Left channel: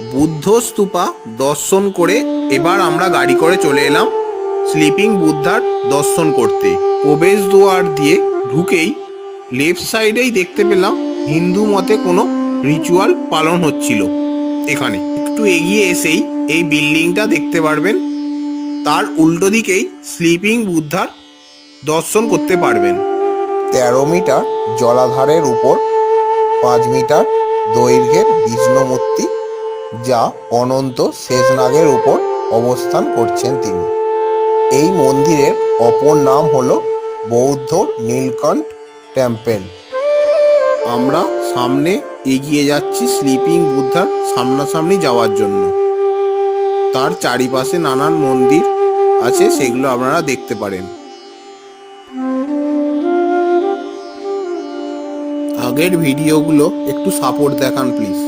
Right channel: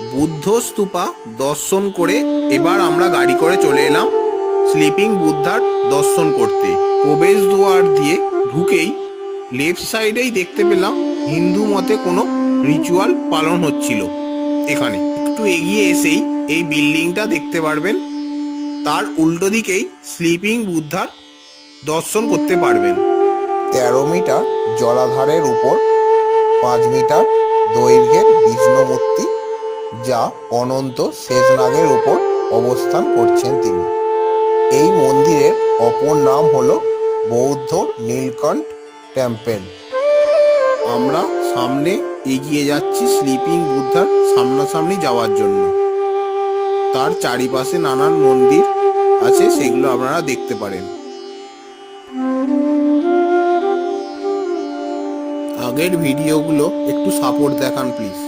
বুদ্ধ স্তূপা দর্শন করে এবার আমরা গাড়ি করে চলে এলাম স্লিপিং বুদ্ধার দর্শন করতে। প্রবেশ দুয়ার দিয়ে ঢুকেই লেফট সাইডেই দেখতে পেলাম হিন্দু মতে কোনো রিচুয়াল পালন হচ্ছিল। এখানে একটু এগিয়ে এসেই এই বিল্ডিংটা দেখতে পারবেন। তার উল্টো দিকেই স্লিপিং বুদ্ধার দর্শন করতে পারবেন। তেরো মিটার জলাধারের উপর, পাঁচ মিটার দৈর্ঘ্যের বিষ্ণু মূর্তি যা অনন্ত শেষনাগের উপর অবস্থান করছেন তিনি। এই মন্দিরের অপর নাম হল বৌদ্ধ নীলকণ্ঠ টেম্পল। আমরা সামনে এগিয়ে যাচ্ছি স্লিপিং বুদ্ধা সামনাসামনি যাওয়ার জন্য। তার চারিপাশে নানান মন্দির আছে, সেগুলো আপনারা দেখতে পারেন। আগের ভিডিওগুলো একটু সাপোর্ট দেখান প্লিজ